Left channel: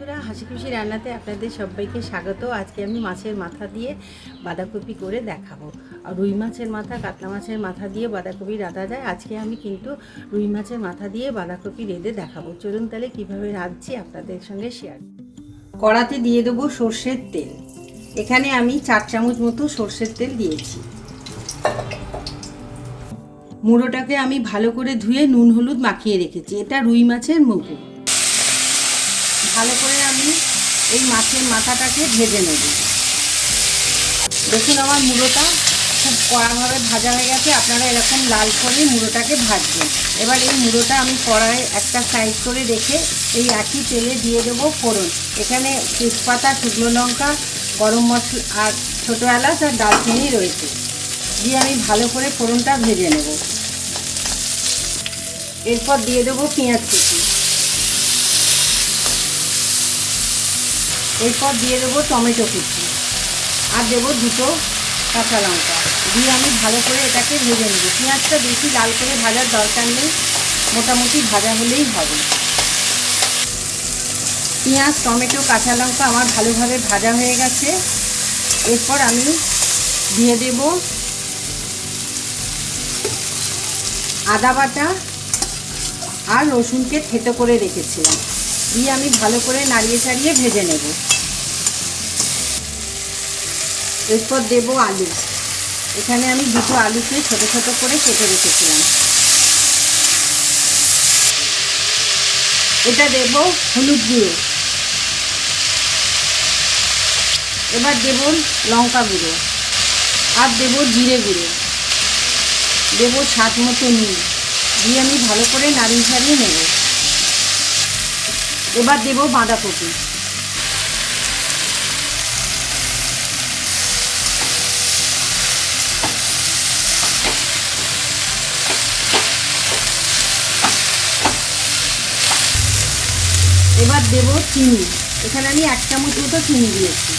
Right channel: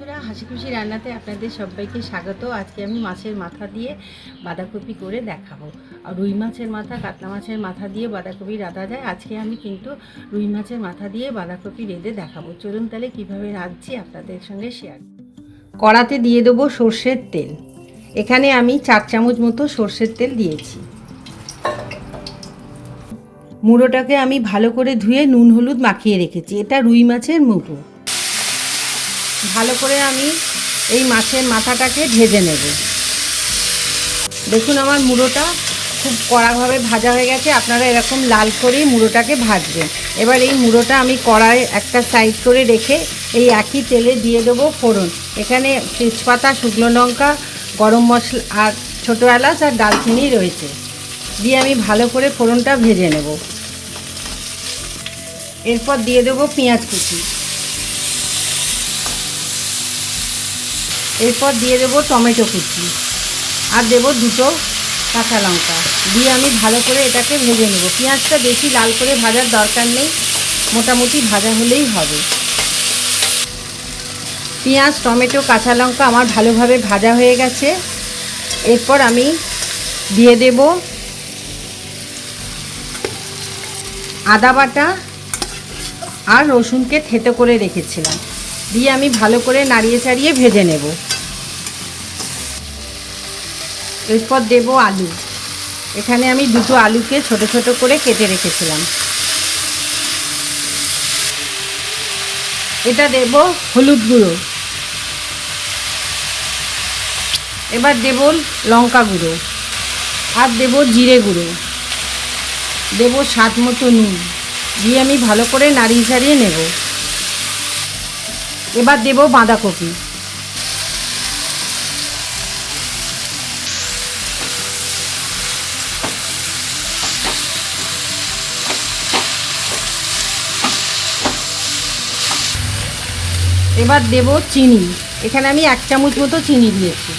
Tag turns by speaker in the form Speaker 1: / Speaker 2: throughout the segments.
Speaker 1: বন্ধুরা হাসি খুশি রান্নাতে আপনাদের সবাইকে স্বাগত। আজকে আমি মাছের মাথা দিয়ে বাঁধাকপি করে দেখাবো। আর রুই মাছের মাথা, কাতলা মাছের মাথা দিয়ে বাঁধাকপি রাঁধা যায়। আজকে আমি কিন্তু রুই মাছের মাথা দিয়ে বাঁধাকপি রেঁধে দেখাবো। চলুন তাহলে কীভাবে রাঁধছি আপনাদের সঙ্গে শেয়ার কড়াতে দিয়ে দেবো সর্ষের তেল। এখানে আমি চার চামচ মতো সর্ষের তেল দিয়েছি। মুড়োটাকে আমি ভালো করে ধুয়ে নুন, হলুদ মাখিয়ে রেখেছি। এটা রুই মাছের মুগো ভালো করে আমি এই মাছের মাথাটাকে ভেজে নেব। দেখুন আমার মুড়োটা খুব কড়াভাবে ভাজা হয়ে গেছে। আপনারা এরকম লাল করেই মুড়োটাকে ভাজবেন। এবার এই মুড়োটা আমি কড়াই একটা সাইড করে রেখে এই একই তেলে দিয়ে দেবো ফোড়ন। এখানে তেজপাতা, শুকনো লঙ্কা, গরম মশলা আর ছোটো এলাচ আর ডালচিনি রয়েছে। দিয়ে আমি ভালো করে ফোড়নটা ভেজে নেব। এরপর দিয়ে দেবো পেঁয়াজ কুচি। এরপর দিয়ে দেবো টমেটো কুচি। আর দেবো দুটো কাঁচা লঙ্কা। দিয়ে আমি ভালো করে এটাকে ভেজে নেব। পেঁয়াজটা বেশি লাল করে ভাজার দরকার নেই, মোটামুটি ভাজা হলেই হবে। পেঁয়াজ, টমেটো, কাঁচা লঙ্কা আমার ভালোভাবে ভাজা হয়ে গেছে। এরপর আমি দিয়ে দেব আদা বাটা আর রসুনকে থেতো করে রেখেছিলাম। দিয়ে আমি ভালো করে নাড়িয়ে চাড়িয়ে ভেজে নেব। এরপর দেব আলু। এখানে আমি দুটো আলুকে ছোট ছোট করে কেটে রেখেছিলাম। এটা দেব হলুদ গুঁড়ো। এবার দেব লঙ্কা গুঁড়ো আর দেব জিরে গুঁড়ো। দেব স্বাদ মতো নুন। দিয়ে আমি ভালো করে নাড়িয়ে চাড়িয়ে নেব। এবার দেব বাঁধাকপি। এবার দেব চিনি। এখানে আমি এক চামচ মতো চিনি দিয়েছি।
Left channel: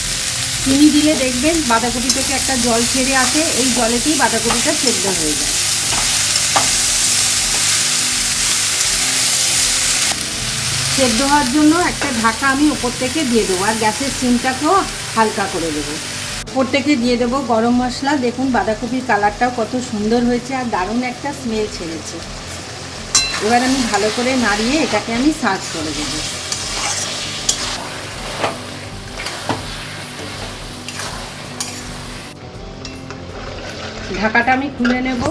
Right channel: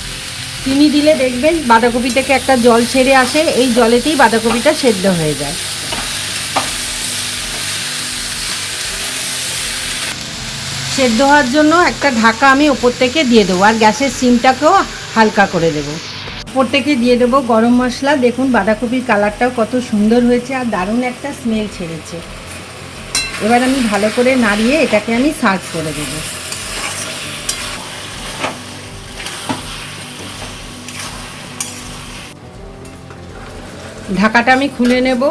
Speaker 1: চিনি দিলে দেখবেন বাঁধাকপি থেকে একটা জল ছেড়ে আসে, এই জলেতেই বাঁধাকপিটা সেদ্ধ হয়ে যায়। সেদ্ধ হওয়ার জন্য একটা ঢাকা আমি ওপর থেকে দিয়ে দেবো, আর গ্যাসের সিমটাকেও হালকা করে দেবো। ওপর থেকে দিয়ে দেবো গরম মশলা। দেখুন বাঁধাকপির কালারটাও কত সুন্দর হয়েছে আর দারুণ একটা স্মেল ছেড়েছে। এবার আমি ভালো করে নাড়িয়ে এটাকে আমি সার্চ করে দেবো। ঢাকাটা আমি খুলে নেব।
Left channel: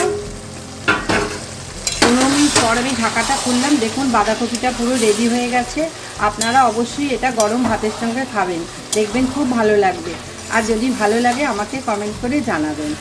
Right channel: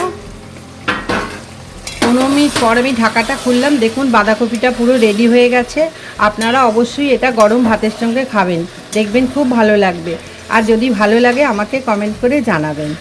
Speaker 1: পনেরো মিনিট পর আমি ঢাকাটা খুললাম। দেখুন, বাঁধাকপিটা পুরো রেডি হয়ে গেছে। আপনারা অবশ্যই এটা গরম ভাতের সঙ্গে খাবেন। দেখবেন খুব ভালো লাগবে। আর যদি ভালো লাগে, আমাকে কমেন্ট করে জানাবেন।